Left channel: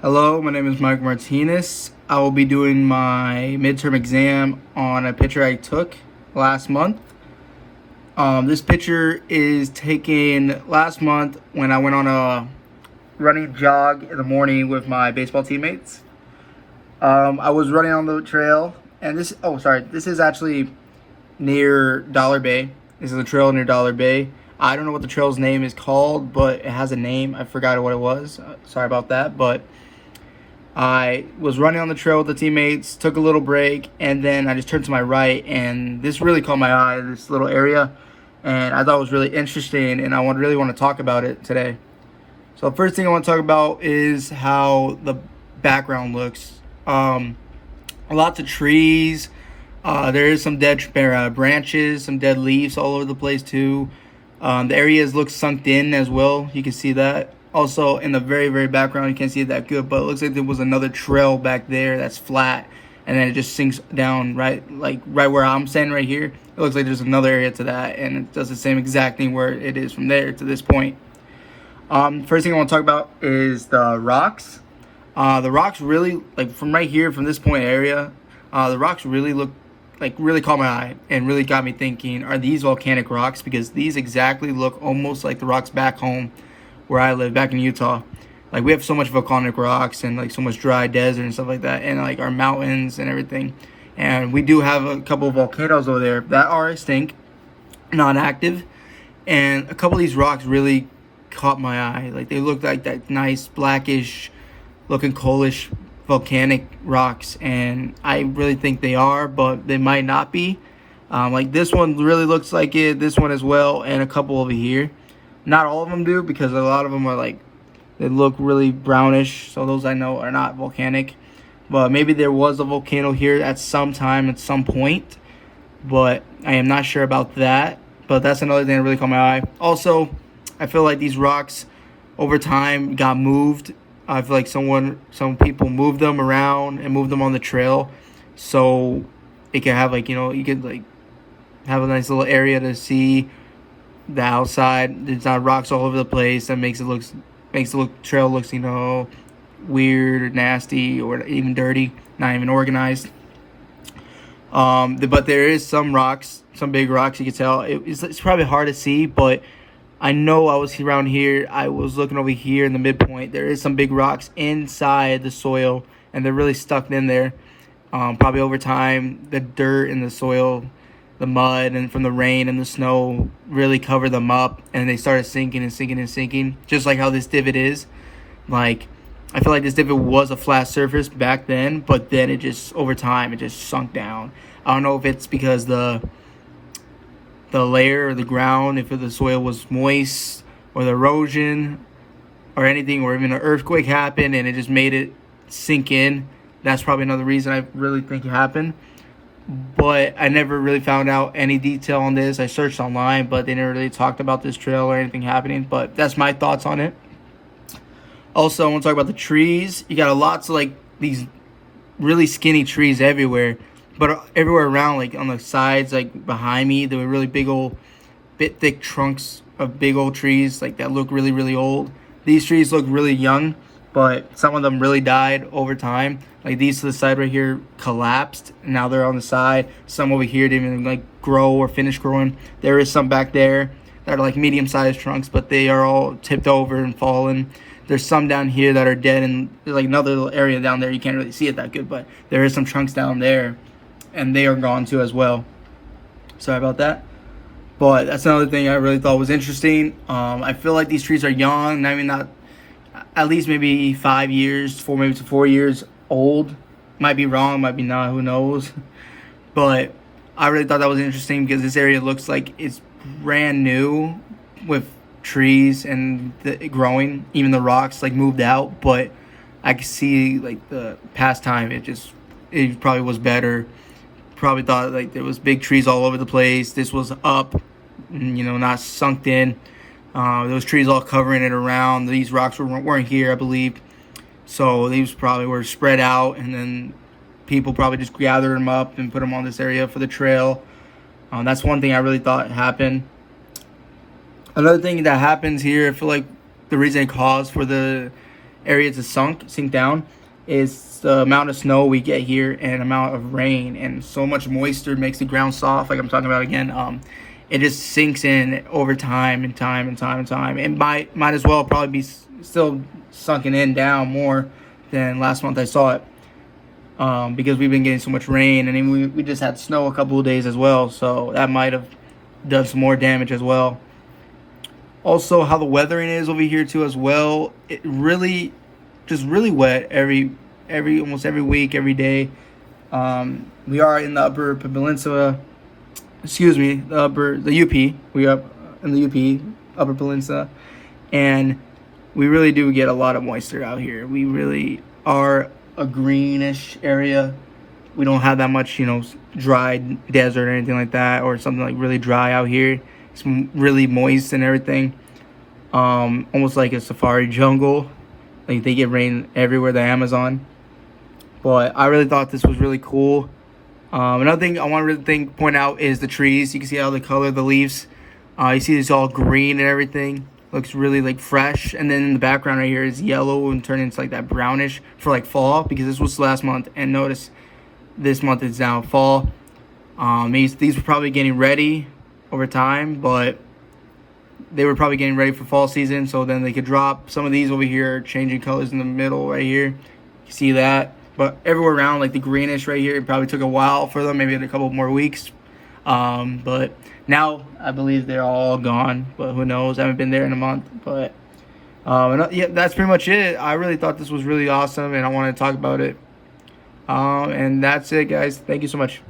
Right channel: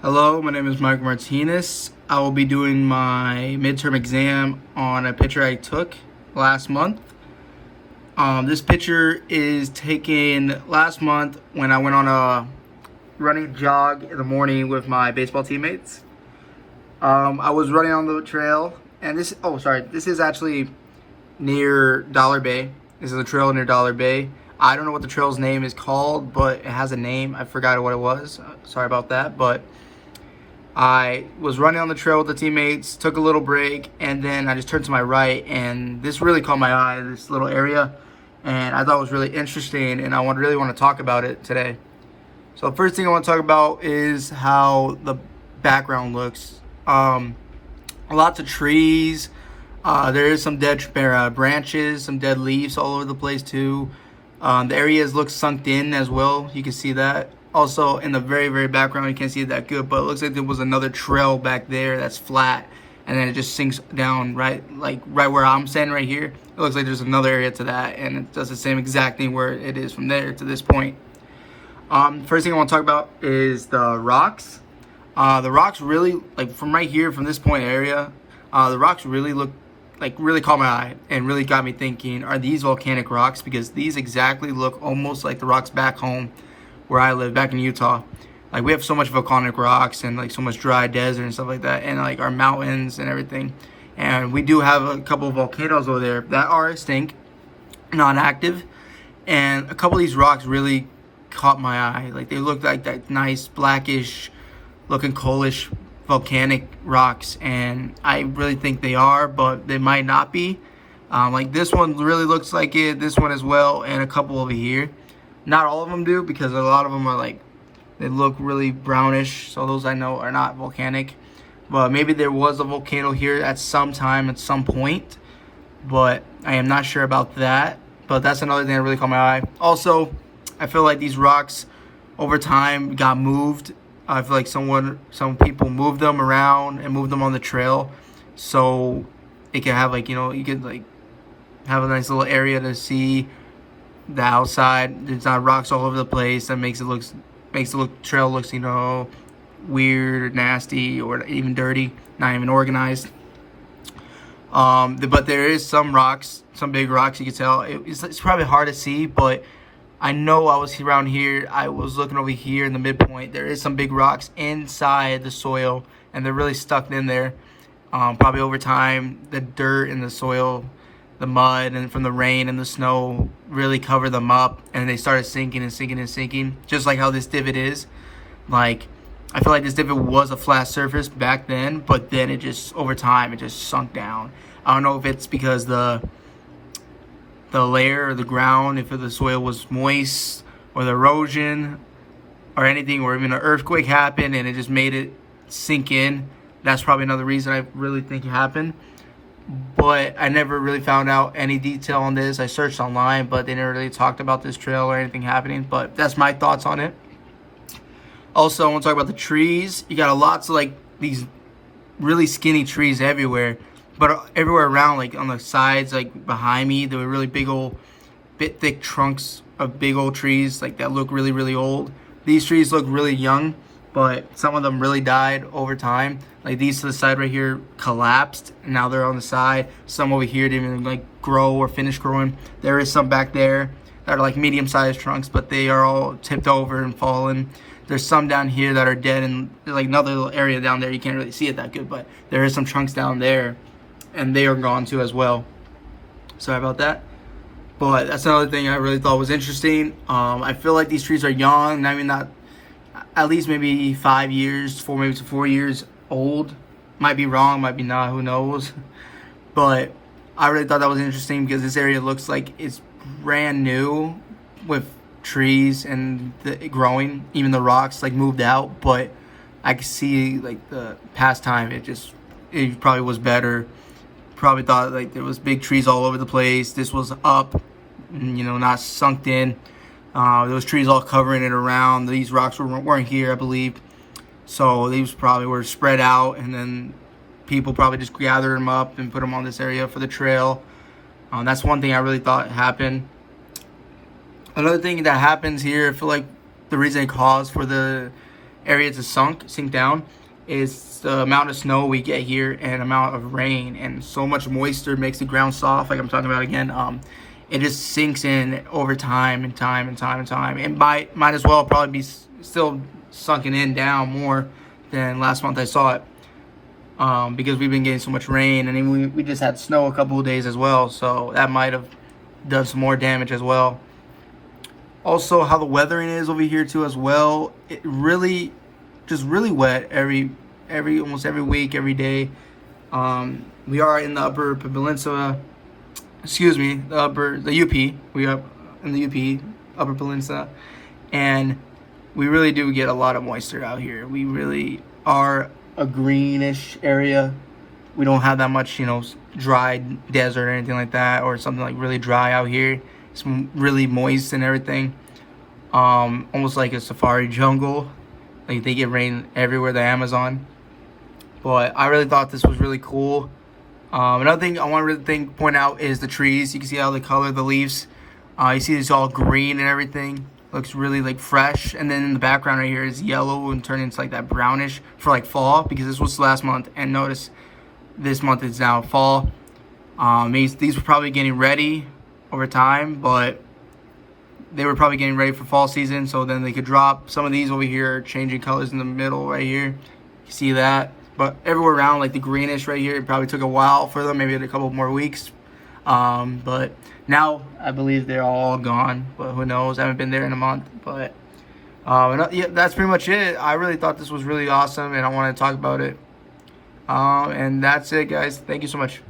Hello, my name is Mike Martinez. I will be doing my midterm exam on a picture I took last month. This picture is taken last month when I went on a running jog in the morning with my baseball teammates. I was running on the trail, and this is actually near Dollar Bay. This is a trail near Dollar Bay. I don't know what the trail's name is called, but it has a name. I forgot what it was. Sorry about that, but I was running on the trail with the teammates, took a little break, and then I just turned to my right, and this really caught my eye, this little area, and I thought it was really interesting, and I really want to talk about it today. So the first thing I want to talk about is how the background looks. Lots of trees. There is some dead branches, some dead leaves all over the place too. The areas look sunk in as well. You can see that. Also, in the very, very background, you can't see it that good, but it looks like there was another trail back there that's flat, and then it just sinks down right where I'm standing right here. It looks like there's another area to that, and it does the same exact thing where it is from there to this point. First thing I want to talk about is the rocks. The rocks really, like from right here, from this point area, the rocks really really caught my eye and really got me thinking, are these volcanic rocks? Because these exactly look almost like the rocks back home where I live, back in Utah. Like, we have so much volcanic rocks and like so much dry desert and stuff like that, and like our mountains and everything. And we do have a couple of volcanoes over there that are extinct, non-active, and a couple of these rocks really caught my eye. Like, they look like that nice blackish looking coalish volcanic rocks, and I really think they are, but they might not be. Like, this one really looks like it, this one as well, and a couple over here. Not all of them do, because a lot of them are like, they look really brownish, so those I know are not volcanic. But maybe there was a volcano here at some time, at some point, but I am not sure about that. But that's another thing that really caught my eye. Also, I feel like these rocks over time got moved. I feel like some people moved them around and moved them on the trail, so it can have you could like have a nice little area to see the outside. There's not rocks all over the place. That makes the trail looks weird or nasty or even dirty, not even organized. But there is some rocks, some big rocks. You can tell it's probably hard to see, but I know I was around here. I was looking over here in the midpoint. There is some big rocks inside the soil, and they're really stuck in there. Probably over time, the dirt and the soil, the mud, and from the rain and the snow really covered them up, and they started sinking and sinking and sinking, just like how this divot is. Like, I feel like this divot was a flat surface back then, but then it just, over time, it just sunk down. I don't know if it's because the layer or the ground, if the soil was moist, or the erosion or anything, or even an earthquake happened and it just made it sink in. That's probably another reason I really think it happened. But I never really found out any detail on this. I searched online, but they never really talked about this trail or anything happening. But that's my thoughts on it. Also, I want to talk about the trees. You got lots of like these really skinny trees everywhere, but everywhere around, like on the sides, like behind me, there were really big old, bit thick trunks of big old trees, like that look really, really old. These trees look really young, but some of them really died over time. Like these to the side right here collapsed, and now they're on the side. Some over here didn't even like grow or finish growing. There is some back there that are like medium-sized trunks, but they are all tipped over and fallen. There's some down here that are dead, and there's like another little area down there. You can't really see it that good, but there is some trunks down there, and they are gone too as well. Sorry about that. But that's another thing I really thought was interesting. I feel like these trees are young. I mean, not at least maybe 5 years, maybe 4 years old. Might be wrong, might be not, who knows. But I really thought that was interesting because this area looks like it's brand new with trees and growing. Even the rocks like moved out, but I could see like the past time it probably was better. Probably thought like there was big trees all over the place. This was up, not sunk in. Those trees all covering it around. These rocks weren't here, I believe. So these probably were spread out, and then people probably just gathered them up and put them on this area for the trail. That's one thing I really thought happened. Another thing that happens here, I feel like the reason it caused for the area to sink down is the amount of snow we get here and amount of rain, and so much moisture makes the ground soft, like I'm talking about again. It just sinks in over time and time and time and time. It might as well probably be still sunken in down more than last month I saw it, because we've been getting so much rain, and then we just had snow a couple of days as well, so that might have done some more damage as well. Also, how the weathering is over here too as well. It really, just really wet almost every week, every day. We are in the Upper Peninsula. Excuse me, the UP. We are in the UP, Upper Peninsula, and we really do get a lot of moisture out here. We really are a greenish area. We don't have that much, dry desert or anything like that, or something like really dry out here. It's really moist and everything. Almost like a safari jungle. Like they get rain everywhere, the Amazon. But I really thought this was really cool. Another thing I want to point out is the trees. You can see how the color of the leaves. You see it's all green and everything. Looks really like fresh. And then in the background right here is yellow and turning into like that brownish for like fall, because this was last month. And notice this month is now fall. These were probably getting ready over time, but they were probably getting ready for fall season, so then they could drop. Some of these over here changing colors in the middle right here. You see that? But everywhere around, like the greenish right here, it probably took a while for them, maybe a couple more weeks. But now I believe they're all gone, but who knows? I haven't been there in a month. But yeah, that's pretty much it. I really thought this was really awesome, and I want to talk about it. And that's it, guys. Thank you so much.